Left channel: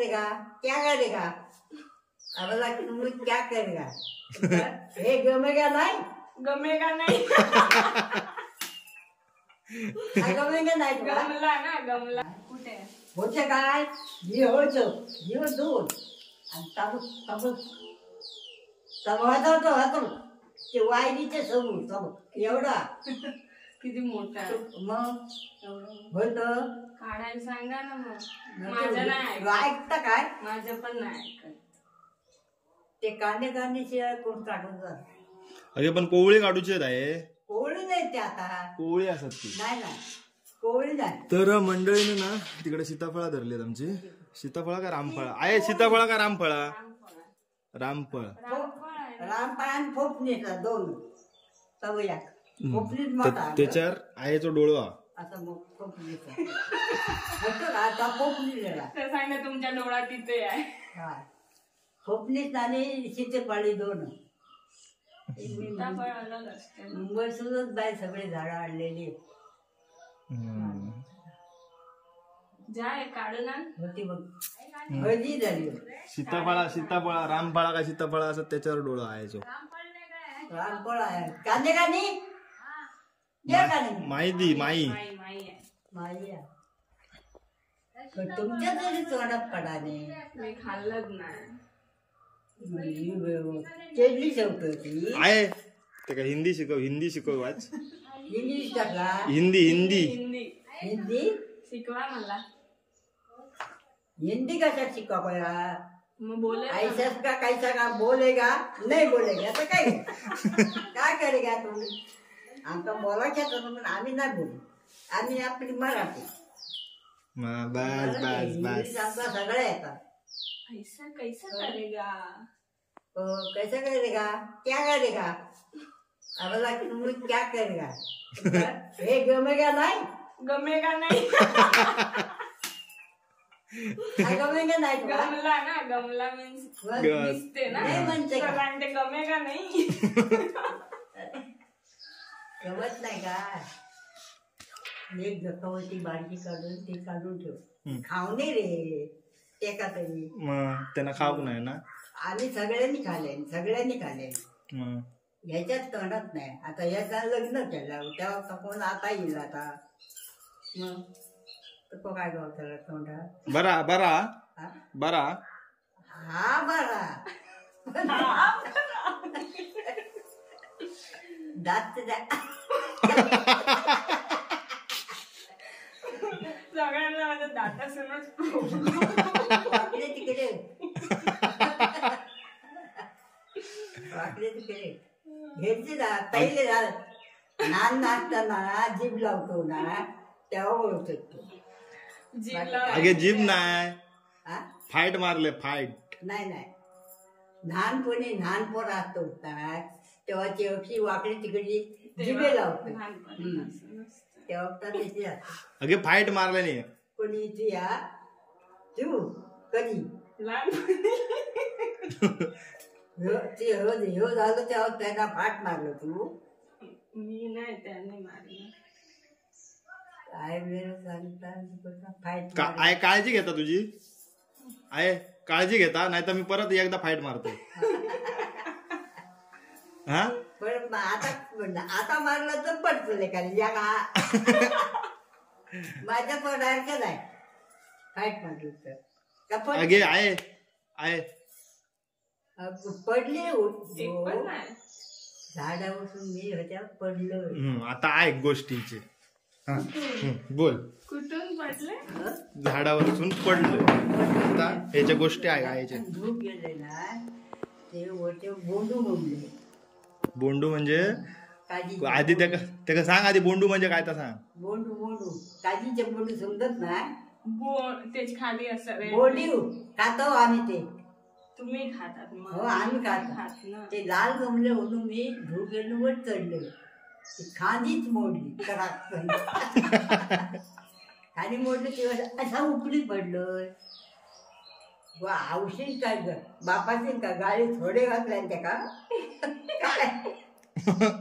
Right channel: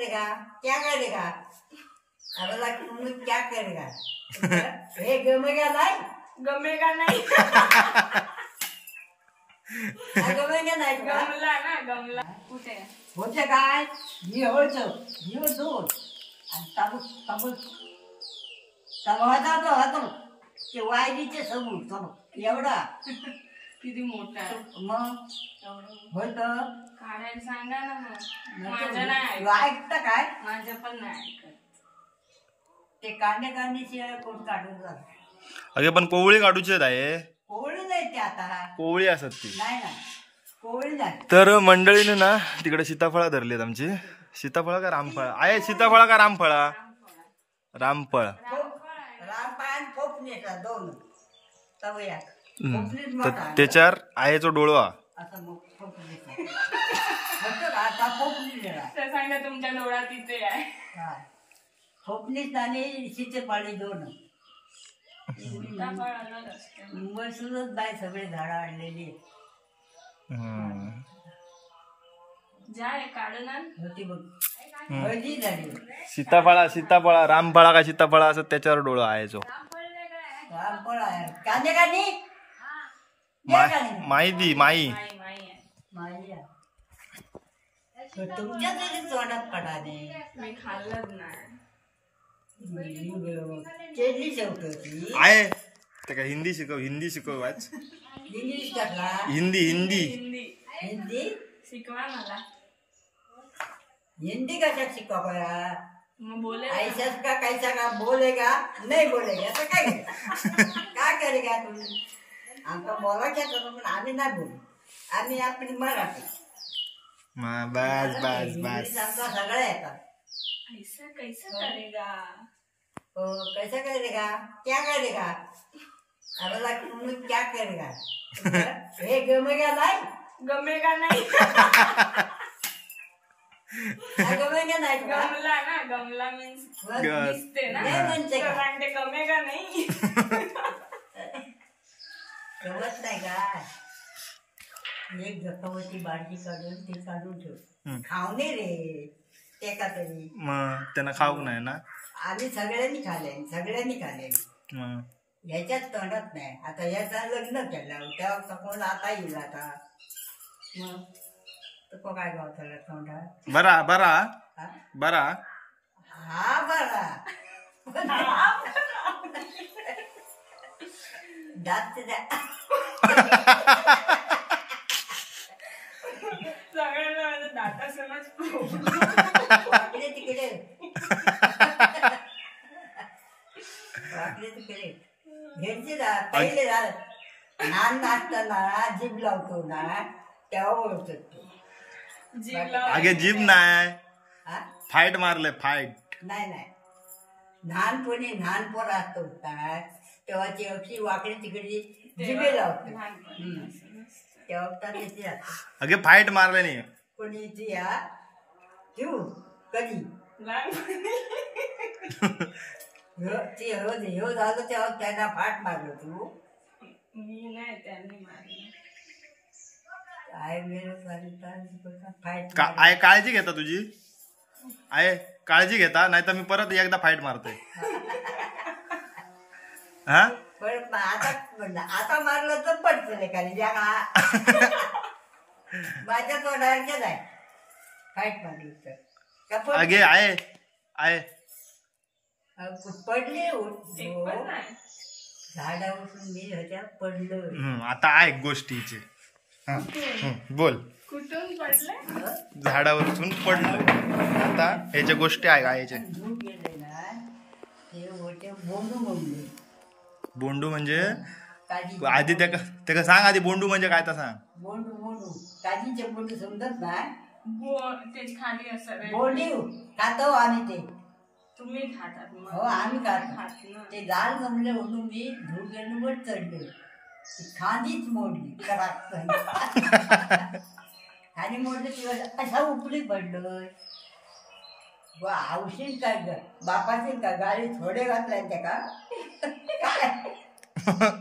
करेगा, क्या करेगा, अबला क्या करेगा, हे गमेगा नाही, गमेगा नाही. गमेगा नाही गमला ना, गमला कुठे होते काय जीव दोन आणि होतो ते वायरीचे समोर एवढा किती मोठा आहे मग होत काढायला सांगा ना. मग माझं नाही ऐकतं काय, माझं पण नाही ऐकत. ते कांदे शिवाय कोण काढून जात. अगे पण कोवळी काढूचे आहे. कोवळी नाही ते आता, कोवळी असत ती. नाही कोवळी नाही. तर मंडळीने ना तिकडे सीताफळा धरलीत आमची. सीताफळा का रामफळा आहे? सीताफळा का रामफळा? रामफळ. रामफळ आणि फोपणीचा दोन तवया. तर त्याच्यावर आयेचो डोळवा आता मग आता फोपणी सांगा तुमच्या डोळा तिथे आहे. फोपणीत आणि सीतेपाळी दोन. मुंबईसूनच बाई सगळे झाडं आणलेली होती बघ. हळदी झाली. सीताफळा रामफळा का सीताफळा असं त्याच्यावर डोळा आयचो. रामफळ आहे. कांदे माई तुमच्या तरी तोंडात पडाने. मी खाल्लंच नाही. चेडली शेवट होती आहे ते का हिंदी शिकव वाच. इंग्लिश टाकला. हिंदी शिकवा मला. हिंदी कशा शिकवा पया. मग बोले ऐसा का कैसा का बोलेगा नहीं बोलेगा तर काय करेगा तू. आमका बोलायचं पण आम्ही नाही बोलू. आम्ही आपली मराठी. बस आमचा सगळं येतात. ऐसा कैसा करेगा, कैसा करेगा, क्या करेगा, अबला क्या करेगा, हे गमेगा नाही, गमेगा नाही. गमेगा नाही. गमला ना, गमला मीन्स दिसते ना. ते गमेगा नाही. गमत नाही काय. एक जखवती बाडगी काढून ती काढून ठेव. खावणे रे ते का तरी. मग त्यांना खाऊक नाही ना. आम्ही सगळ्यांनी खाल्ले. ह्याच्यात तोंडात नाही. आता ह्याचा लग्न केलं तेव्हा कोण आता येईल. आता मग तो काय गावचा तोंडात बरा हा बरा दात सगळ्यांना दाता तिकडे घ्यायचे पहिले लहान नाचताना जीभ लावतो ना तेव्हा ओळखतो. अगे जीभ नाही, फाईट मारले फाईट. नाही लहानपणी लहान पोर असतो तेव्हा ती अक्षी वाकडी तिकडे जिभे लावतो. तेव्हा त्याची अगे फाईट मारले नाही कोणी तू कधी हो झालं तेव्हा त्यांना फाट मारलो. तू मी नाही, त्यांनी मारलं. आय काळजी घेता तुझी आय काळजी घेता नाही तर मी परत एकदा फाईट मारतोय. हा पण आता मारलं तर पडतले खाली माझ्या तोंडासारखंच आहे. फाईट मारली तर अगे आहे पडले झाडा उठून मी ह्याच्या पडलं. आता ऐक गोष्टीचे. बोल. कुठून पडले? झाडावरून पडलं. आता ह्याच्या गोष्टी ऐकायच्या. धूप गेले ना ते वरते बोंडू म्हणले. बोंडू म्हणजे काजी. आधी त्याला सांग आधी बोंडू म्हणजे काय तर सांग. बोंडू काजीचे बोंडू समजत ना. तेच खाली असं बोंडी खातो आम्ही ते. तुम्ही खातात? हो आम्ही खातो. ते लाल गमले म्हणून मी धूप गेलो वर चढले. खांदीच मोडली कडाक खाली मोडलं तेव्हा असा उपडी पडलोय. औषध काय ग बापाचे का गाडी थोडे घातल्या त्या का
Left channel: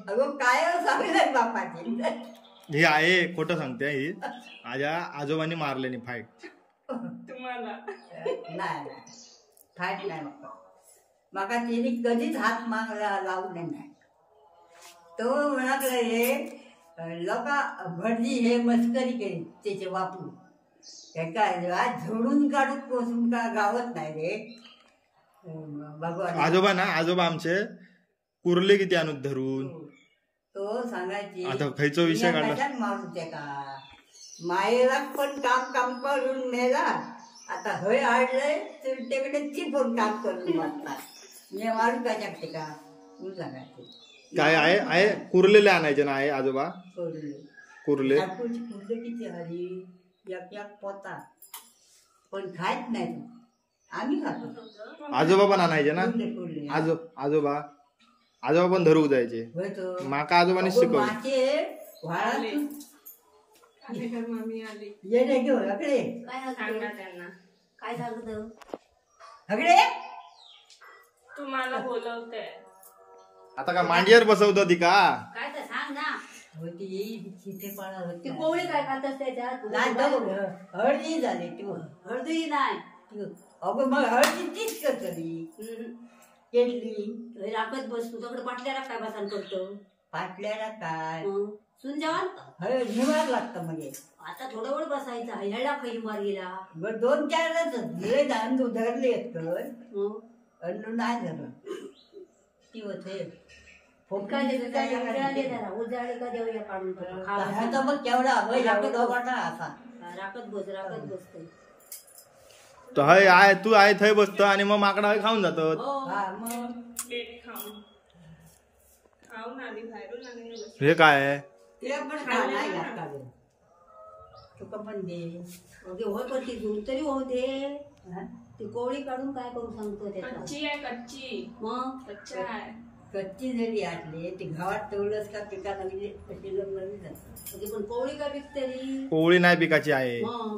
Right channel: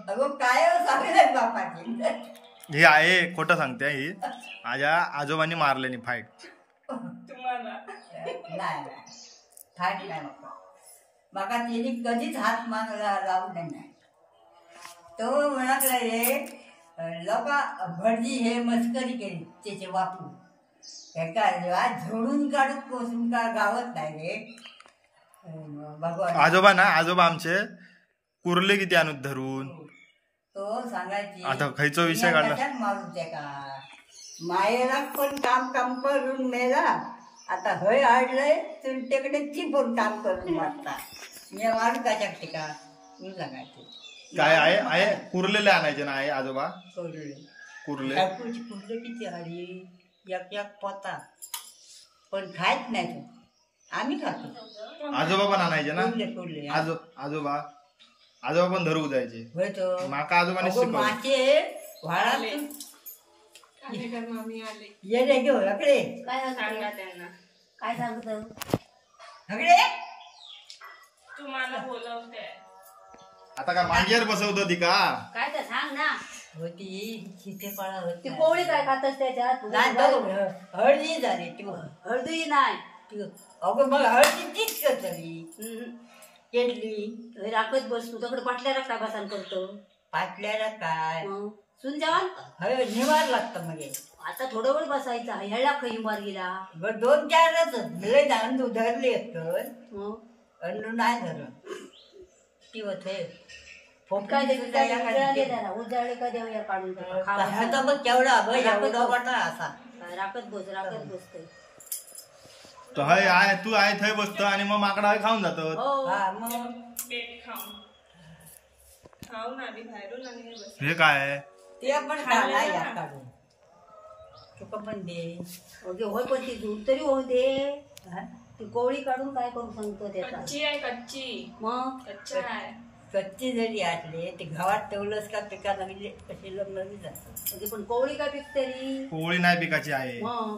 अगं काय सांगले बापाची. हे आहे खोटं सांगते. ही माझ्या आजोबांनी मारले नाही फाईट. तुम्हाला नाही फाट नाही माका तिने कधीच हात मागला लावले नाही. तो म्हणाला हे लोक भटजी हे मस्करी केली त्याचे बापू एका झोडून काढून पोचून का गावत नाही रे भगवान. आजोबा ना आजोबा आमचे कुर्ले किती आणून धरून तो सांगायची आता खयचो विषय काढला मारू त्या का मायेला पण काम करून मेला आता हय हाडलंय तुमच्याकडे ती पण काम करून मारता मी मारू का शकते का तू सांगायचे. काय आहे कुर्लेले आणायचे ना आहे आजोबा कुर्ले कुर्ले किती हरी एक पोता पण खायच नाही तू आम्ही खातो. आजोबा पण आणायचे ना कुर्ले आजोबा पण धरू जायचे माका आजोबाने शिकवलं. मासे वाळाले मामी आले ये रे घेऊ हकडे सांगा त्यांना काय सांगतो हकडे तुम्हाला बोलवते. आता का मांडीवर बसवत ती का काय तर सांग ना. होती चितेपाळा होती ती कोवळी काय खातस त्याच्यात नाही तो हळदी झाली तू हळदूही नाही. अगं मग हळदी तीच कर तरी केली राखत बस तू तकडे पाटल्याला काय बसान करतो पाटल्याला काय सुन जेवण हय निवार लागतं मग आता थोडं वेळ बसायचा ह्याला खई मारगीला बरं 2-4च लय अंडू धरले अंडू नाही धरलं ती होते उजाळे का देऊया काढून मग केवढा एवढा वाटा असा राखत बसते. तो हय आहे तू आहे थंय बसतो आणि मग माकडा खाऊन जातो. हा मग बेट खाऊन आली बाहेरून आणि बसली. हे काय आहे ते आपण काढून तुका पण दे ओके होय पण ती झूल तरी होऊ दे. ती कोवळी काढून काय करू सांगतो त्याचा कच्ची आहे कच्ची मग कच्चा आहे कच्ची जरी आटले ते गावात ठेवलंस का पिका लागले कशी लग्न जातात. पण कोवळी काय पिकते री कोवळी नाही पिकाची आहे. मग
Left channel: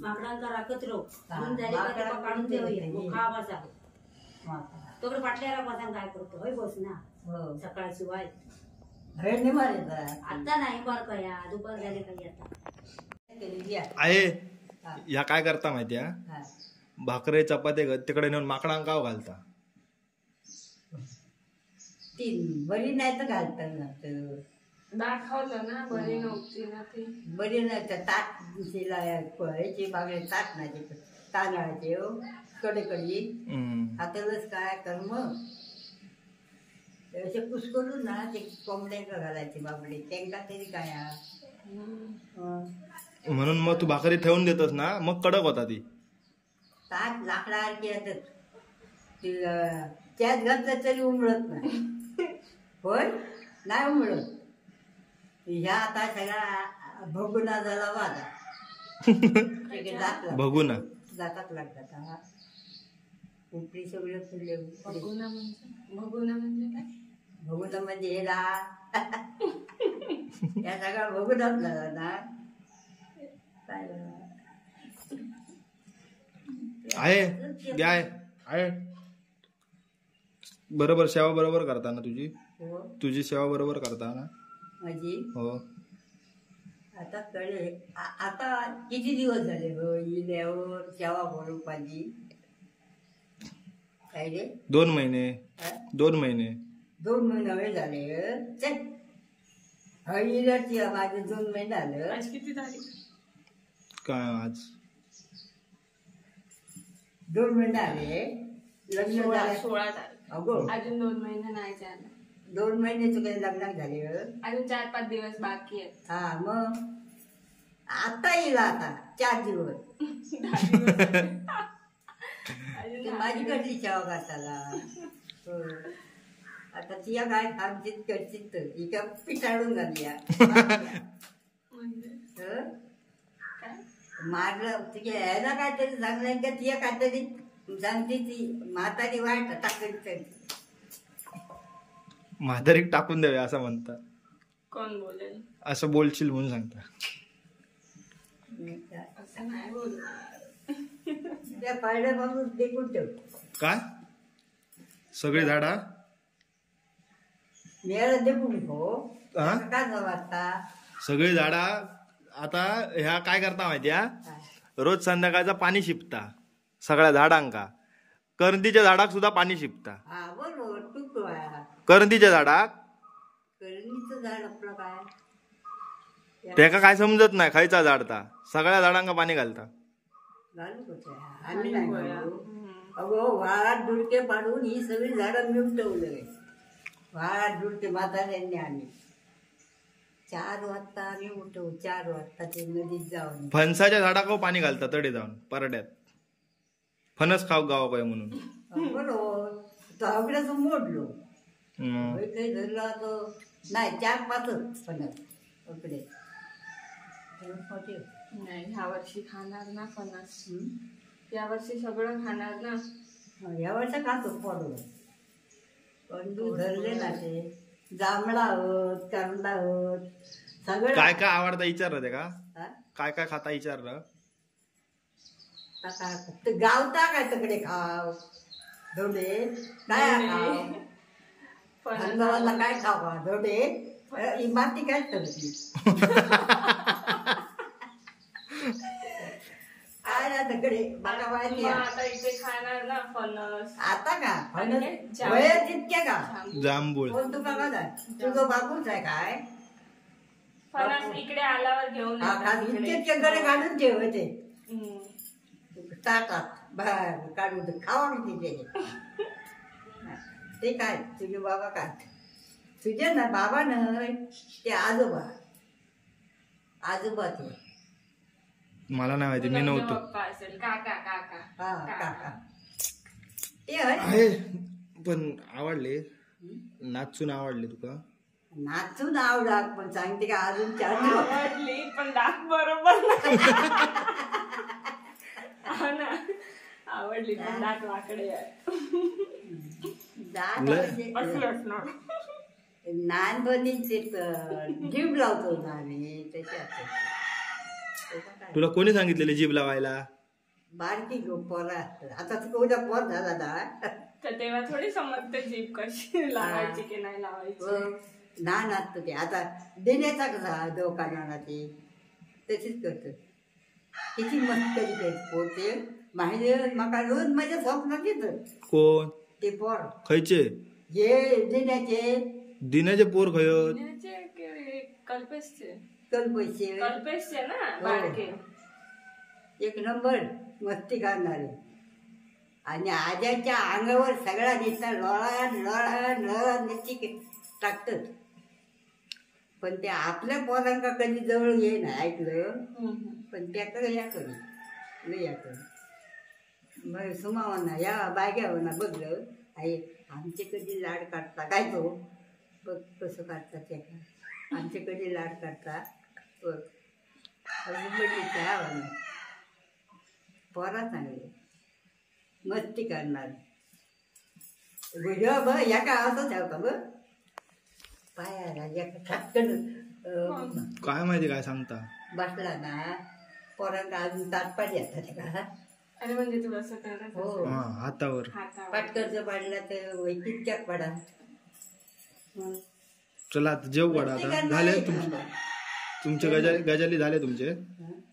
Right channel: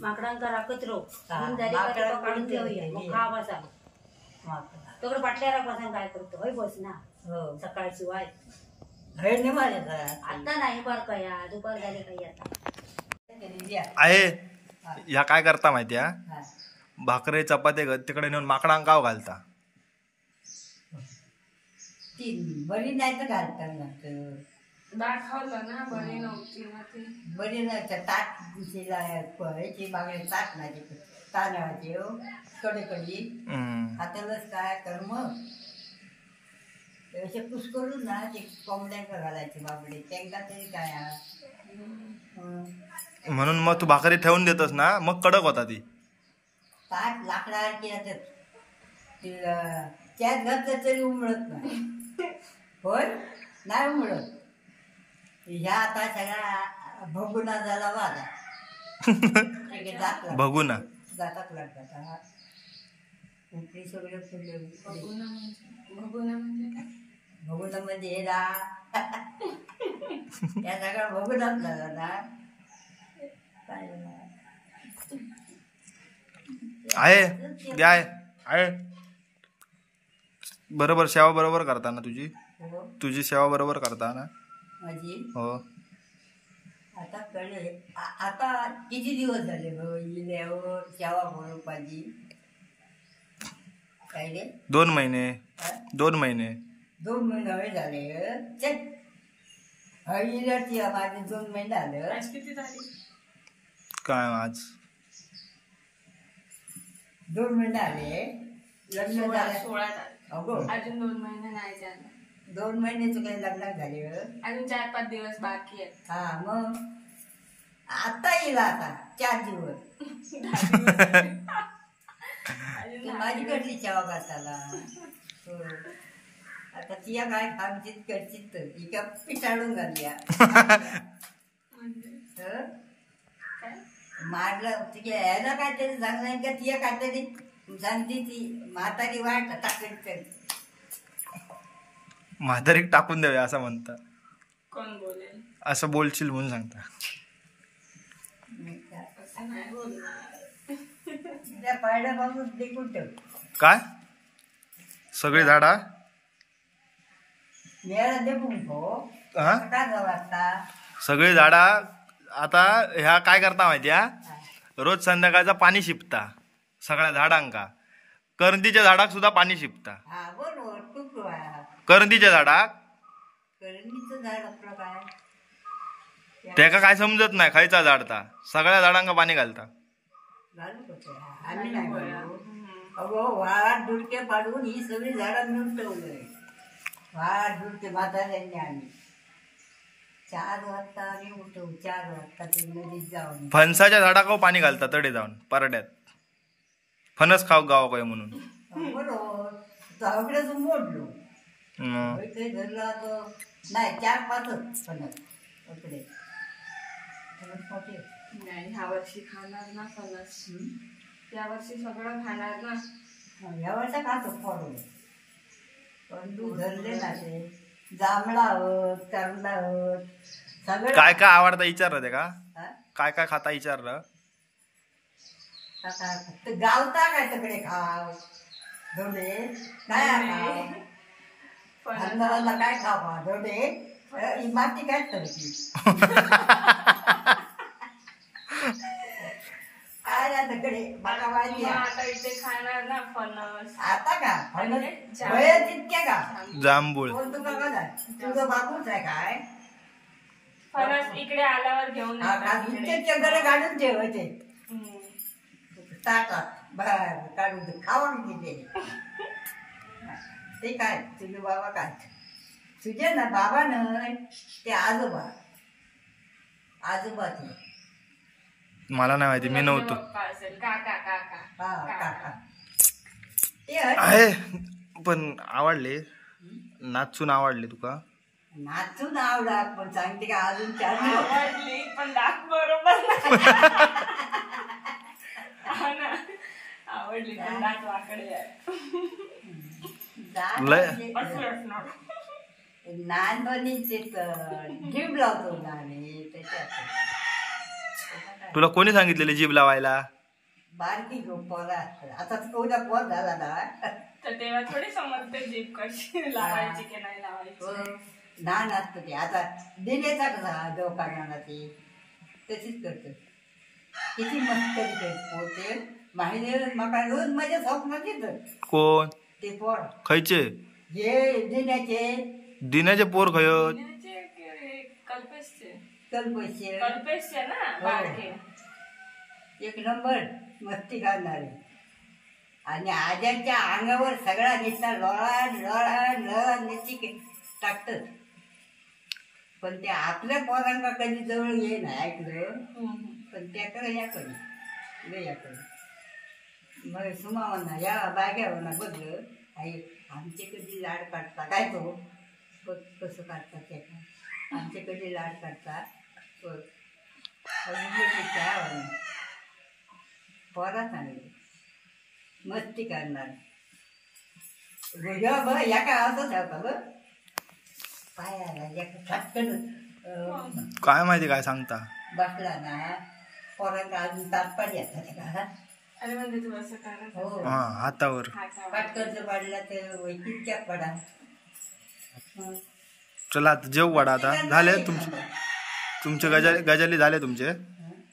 माकडांचा राखत राहू काढून ठेवूया मग खा बसा तकडे पाटल्या राख बसा काय करतो होय बस ना हो सकाळची वाय हय नाही मारे आता नाही बर का या दुपार झाले काही आता आहे ह्या काय करता माहितीया भाकरे चपाते तिकडे नेऊन माकडांक काव घालता. ती बरी नाही तर घालतात लागतं दाखवलं ना बरी नव्हती ना ती बरी नाही तर ताट ह्याची बागडे ताट नाही तांदळाचे कडेकडी हातालच काय कर मग असे पुस करून ना ते कोंबड्यांका घालायचे बाबडे त्यांना तरी काय म्हणून मग तू भाकरी ठेवून देतस ना मग कडक होता ती ताट लाकडासारखी येतात ती त्यात घातलं तरी उमळत नाही होय नाही उमळत. ह्या आता सगळा भगुना झाला वाजा भगुना जातात लागतात उपरी सगळे फुले भगुना म्हणजे काय भगुना म्हणजे हेला या सगळा भगुनाच झाला ना आहे आहे बरोबर सेवा बरोबर करता ना तुझी सेवा बरोबर करता ना माझी हो. आता कळे आता किती दिवस झाले ग इल्यावर सेवा करून पाहिजे काय रे 2 महिने 2 महिने 2 महिने झाले चल इल्याची माझे 2 महिने झाले. आज किती तारीख काय आज 2 महिने आले लग्न झाले 16 तारीख अगो अजून 2 महिने नाही झाले 2 महिने तुझे लग्न झाले अजून 4-5 दिवस बाकी आहेत. हा मग आता येईल आता 4 दिवस माझी कडली सेवा करताला आता तिया काय आमचीच करशील तर ही का पिटाळून घालूया मारलं तुझ्या यायला काहीतरी सांगलं का तिया काहीतरी सांगते ती म्हातारी वाट टाकली म्हातारीक टाकून द्यावे असं म्हणता. कोण बोलेल असं बोलशील म्हणून सांगता. असं नाही बोलणार त्या पाड्यापासून देखून ठेव काय सगळी झाडा मेळा देखून हो काय वाटता सगळी झाडा आता ह्या काय करता माहितीया रोज संध्याकाळचा पाणी शिपता सगळ्या झाडांका. करंदीच्या झाडाक सुद्धा पाणी शिपता. हा बरोबर तूच आहे. करंदीच्या झाडाक करंदीचं झाड आपलं काय त्याका काय समजत नाही खयचा झाड ता. सगळ्या झाडांका पाणी घालता. घालू कसं आम्ही नाही घालू. अगो वाळात डुडके पाडून ही सगळी झाडं मिळून ठेवलंय. वाळात डुडके म्हाताऱ्यांनी आम्ही 4 वाजता आम्ही उठवू. 4 वाजता ते नदीत जाऊन फणसाच्या झाडाक पाणी घालता तडे जाऊन परड्यात. फणस खाऊ गावा काय म्हणून. बरोबर सगळ्याच मोडलो. मग काही धरला तर नाही 4-5च फणस इकडे. नाही ह्या वर्षी खाणार ना फणस. या वर्षी सगळं खाणार ना. या वर्षा खातो फळ पण तू धरले ना ते जांभळा आहोत करंदा आहोत सगळं. काय काय आवडतं विचारलं ते का हा? काय काय खाता विचारलं. आता ते गावता काय तिकडे खाव धोडे काय खाव अंधाराला काय खावा धोडे इमारती काय करते काय ना तिकडे बघा माहिती आहे. आता इथे खाणार ना फणस. आता का वय तितके का जांभूळ. कोण तुका का तुझं बाबूच आहे काय. फणस इकडे आल्यावर घेऊन हा का इतके घरे काढून ठेवायचे ताटात बाहेर काढून खावा किती ते काय तुझे बाबा काय तुझे ना बाबा न ते आजोबा ते मला नाही माहिती मी नव्हतो. पप्पा असेल काका काका हा काका ते आहे पण आवडले नाचून आवडले तुका. नाचून आवडा पण सांगते का अजून 4 आवडली पण दाख बरोबर आवडली पण दात वाकडे आहे. असं असणार. नानपणीचे जीभ लावतो ना आम्ही त्याच्यात. तुला कोणी सांगितलेले जीभ लावायला. बारकी पोरा आता तुझा पोर झाला ना तर तेव्हा थोडी समजते जीभ कशी लावायची की नाही लावायची. लहान असतो ते आता दिनेचा कसा दोकानाला ते तशीच करतो. किती मस्करी करत पोते माहिती मका रोज माझ्या स्वप्नात येतं. कोण ते पोर खयचे हे दिन्याचे दिनाचे पोर खय कल्पेशचे कल्पैसे ना बारके. एक नंबर मस्ती करणारे आणि आज्याच्या अंगावर सगळा नुसता लोळान लोळान लोळान नुसती टाकतात. पण ते आपल्या पोरांका कधी जवळ ये ना ऐकलं पण त्याकडे याकडे मग सुमावांना या बायग्यावरना बघलं आई आमचे कधी लाड काढता काय तो बघ कसं काढतात त्याला आमचे कधी लाड काढता बघ अजून बघली त्या पोरा चांगले मस्ती करणार बघ बघ या का असं ठेवता बघ पायाला या खटकन काय माहिती काय सांगता. बसला ना पोरांना अजून तात्पाडी येतात का. अरे म्हणजे तू असं करा. हो हा हातावर पाटकरचं पडला तर वैकितक्यात पडा. चला आता जेव वाडा आता झाले तुमचे गजाली झाले तुमचे.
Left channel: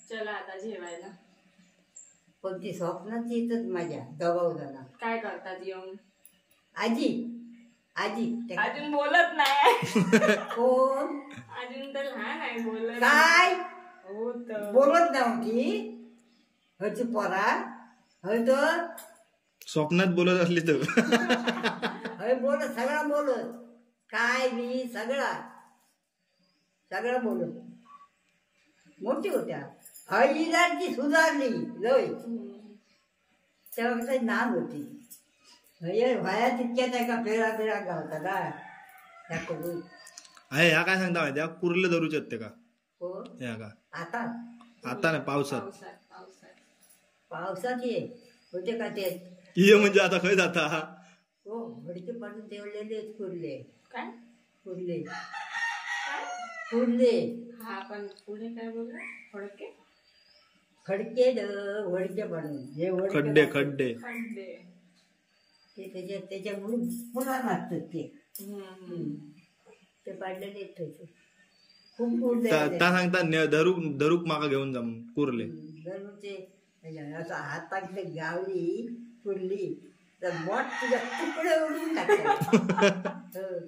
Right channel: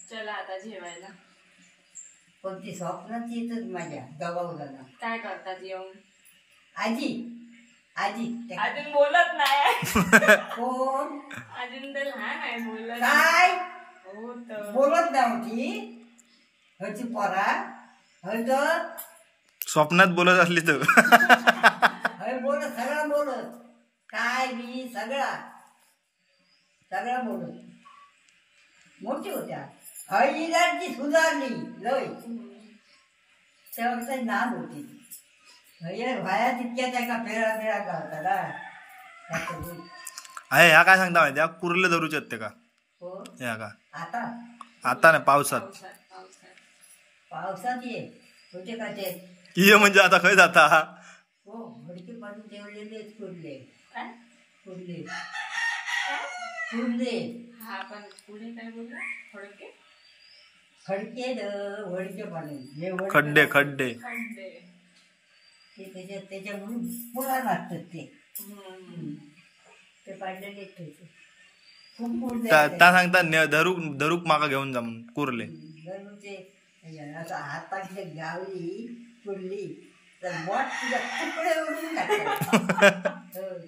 चला आता जेवायला. पण ती स्वप्नात येतच माझ्या दबावला. काय करतात येऊन आजी अजून बोलत नाही. कोण अजून तर लहान आहे बोलत काय हो तर बोलत नव्हती हची पोरा हय तर स्वप्नात बोलत असली तर हय बोलत सगळा बोलत काय मी सगळा बोलत मोठी होत्या. हळीदारची सुधारली लय तेव्हा नाम होती. व्हाया तितक्यात आहे का फेरा गावता ना आहे. ह्या काय सांगता माहिती कुर्ले धरूचे आहेत ते का हो ह्या का आता नाही पावसात ये होते का ते ये म्हणजे आता खय जाता. हो भडके पाडून ठेवलेले कुर्ले काय कुर्ले हा पण पुढे काय बोलला फडके खडके वडके पाडून जे खड्डे खड्डे ते त्याच्यामुळे पुन्हा लागतात ते पाडलेले ठेवते. खूप पुढले त्या सांगता धरूक माका घेऊन जा म्हणून कुर्ले. धरूचे असं हातातले गावली कुर्ली तर बोट तुझ्या तुकडे उडून टाकतात.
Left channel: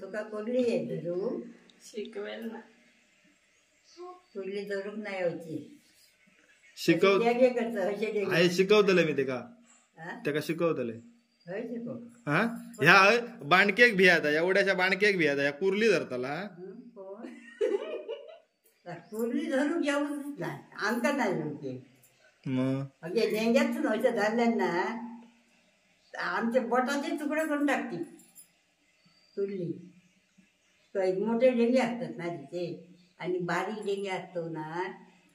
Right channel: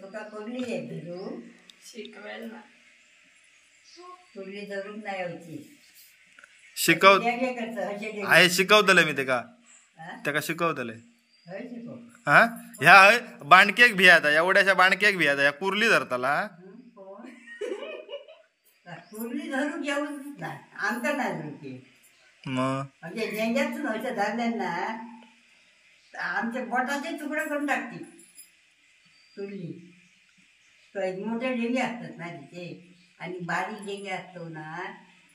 तुका कुर्ली आहे धरू शिकवेल ना. कुर्ली धरून नाही यायची. शिकव करत आहे शिकवतले मी तेका शिकवतले. शिकव हा ह्या बाणकेक भियाता एवढ्याशा बाणकेक भियाता ह्या कुर्ली धरताला. कुर्ली धरून घेऊन नाही आमका नाही धरते. मग म्हणजे जेंग्यातून अशा धरल्यान ना आमच्या बोटाचे तुकडे करून टाकते कुर्ली. मोठे डेंगे असतात ना तिथे आणि बारीक डेंगे असतो ना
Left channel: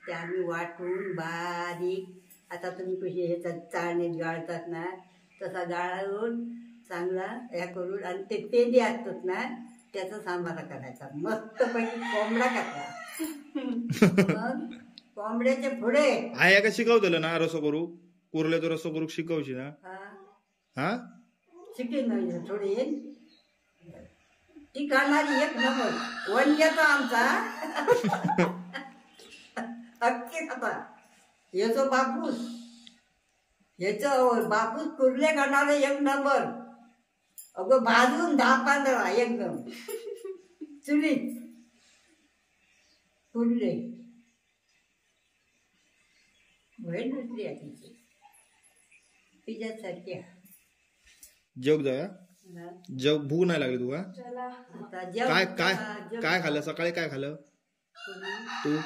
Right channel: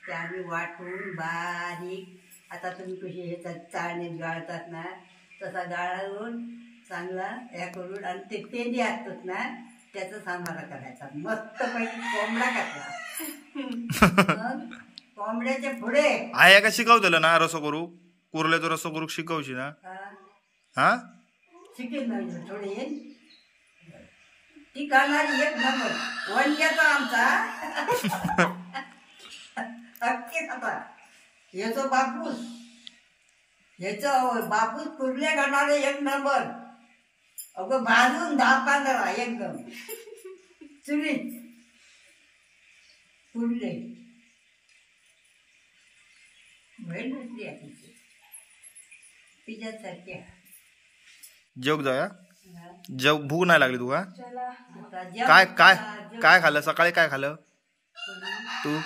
ते आम्ही वाटून बारीक आता तुम्ही कशी ह्याचा चाळणे गाळतात ना तसा गाळून चांगला ह्या करून आणि ते पेंडे असतात ना त्याचा सांबारा करायचा मस्त पैकी कोंबडा टाकला. कोंबड्याचे पुढे आहे का शिकवतलं ना रसो करू कुर्लेचो रसो करू शिकवशी ना. हा शिकेल ना थोडे ती करणारी एक नंबर वन्याचा आमचा अख्खे खाता याचो बापूस याचं बापूस कुर्ले करणारे एक नंबर. अगं भाजून 10-15 एकदम चुलीत कुर्ले वेळ नसली तिची पिझ्यासारख्या. जेवक जाऊया जेव भूक नाही लागली तुका. आता जेव काय काय काय खाल्लं सकाळी काय खाल्लं तू.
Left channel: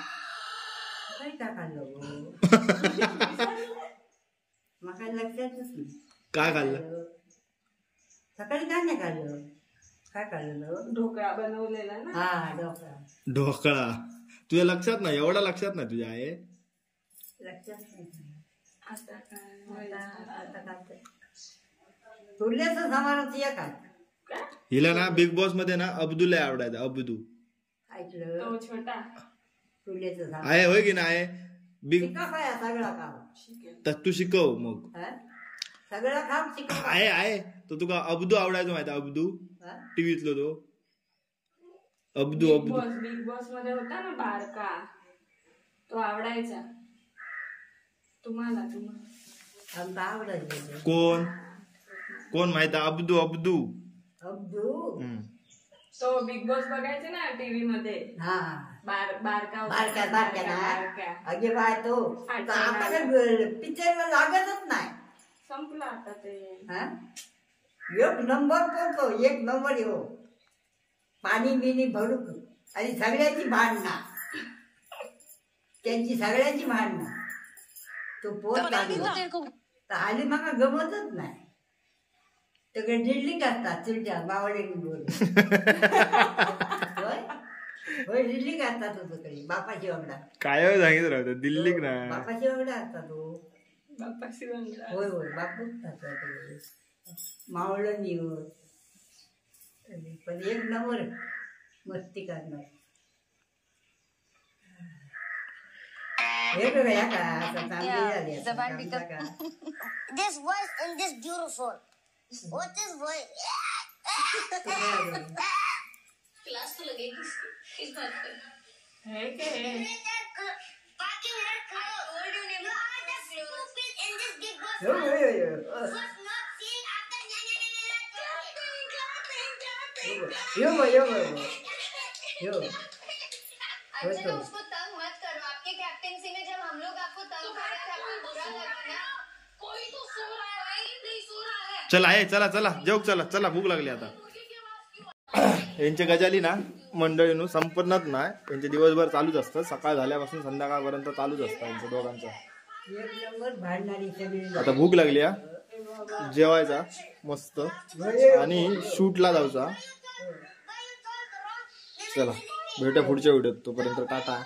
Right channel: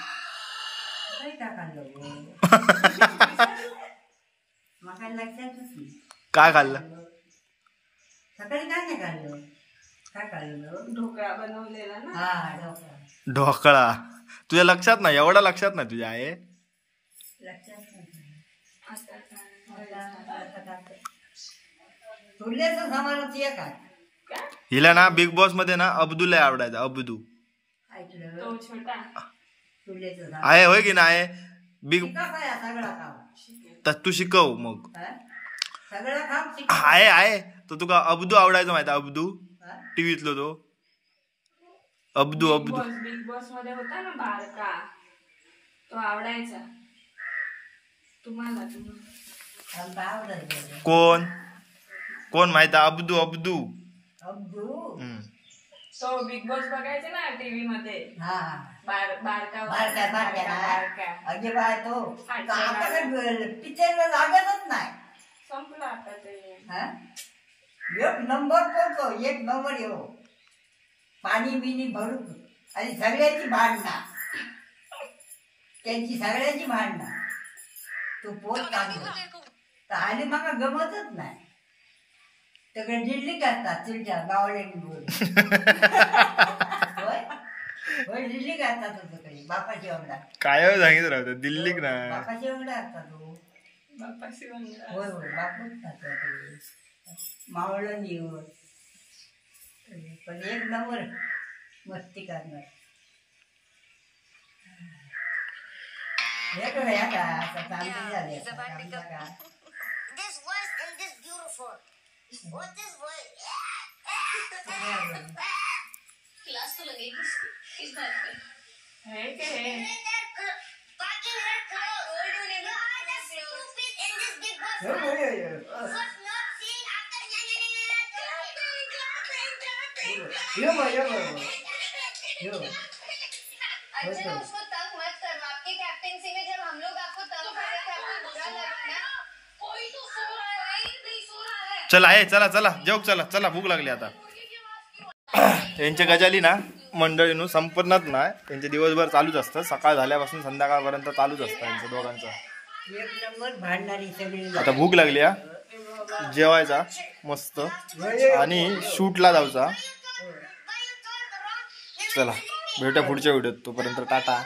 काय खाल्लं मला लक्षातच नाही काय खाल्लं सकाळी. काय नाही खाल्लं काय खाल्लं ढोकळा बनवलेला ना. हा ढोकळा. ढोकळा तुझ्या लक्षात नाही एवढा लक्षात नाही तुझ्या आहे. लक्षात नाही आता काय आता काय तुल्याचं सामानाचं एक आहे. हिला ना बिग बॉस मध्ये ना अब्दूला आवडायचा. अब्दू ऐकलं तो छोटा तुल्याचं सामान आहे होय की नाही बिग. काय सगळा काम तर तू शिकव मग. सगळं काम शिक. आहे तो तुका अब्दू आवडायचा माहिती अब्दू टीव्हीतलो तो अब्दू. बिग बॉस मध्ये होता ना बारका तो आवडायचा तुम्हाला. आमचा आवडायचं कोण माहिती अब्दू. अब्दू तो बिग बॉस बघायचा ना टीव्ही मध्ये. हा बारका बारक्या अगे बाय तो आता पिक्चरला लागतच नाही. संपला आता ते. एक नंबर पोहोचतो एक नंबर येऊ पाणी बिनी भरूक आणि सगळ्यांची भांडणं त्यांची सगळ्यांची भांडणं तो पोत चांगला तर हल्ली माका गमतच नाही. सगळे दिल्लीक असतात चिलच्या बावड्यांनी बोल होय दिल्लीक असतात तो सगळी बापाची वगडा काय सांगितलं राहतं दिल्लीक ना बापाची वगडा असतात तो. होय होय बापूच खातात मावळं निवड पण एक नंबर मस्ती करणार. हे बघा या का आता चांगली झाली आता का This was and this beautiful. What is what? Class तो लगेगी इस बात पे. है के है Fucking red clothes. I told you never. You are the stupid in this big boss. yo. Was not seeing after yo. अच्छा उसको तंग मत करो. आपके कैप्टेंसी में जब हम लोग आपको तंग कर रहे थे आपको बुरा लगा ना. कोई तो सो रहा है नहीं सो रहा है. चला आहे चला जेवक चला भूक लागली आता. यांच्या गजाली ना मंडळीनं संपन्नच नाही. त्यांचे दिवसभर चालूच असतं सकाळ झाल्यापासून संध्याकाळपर्यंत चालूच असतं यांचं दोघांचं. एक नंबर भांडणारी सगळी. आता भूक लागली जेवायचा मस्त आणि शूटला जाऊचा. चला भेटूया पुढच्या व्हिडिओत तोपर्यंत टाटा.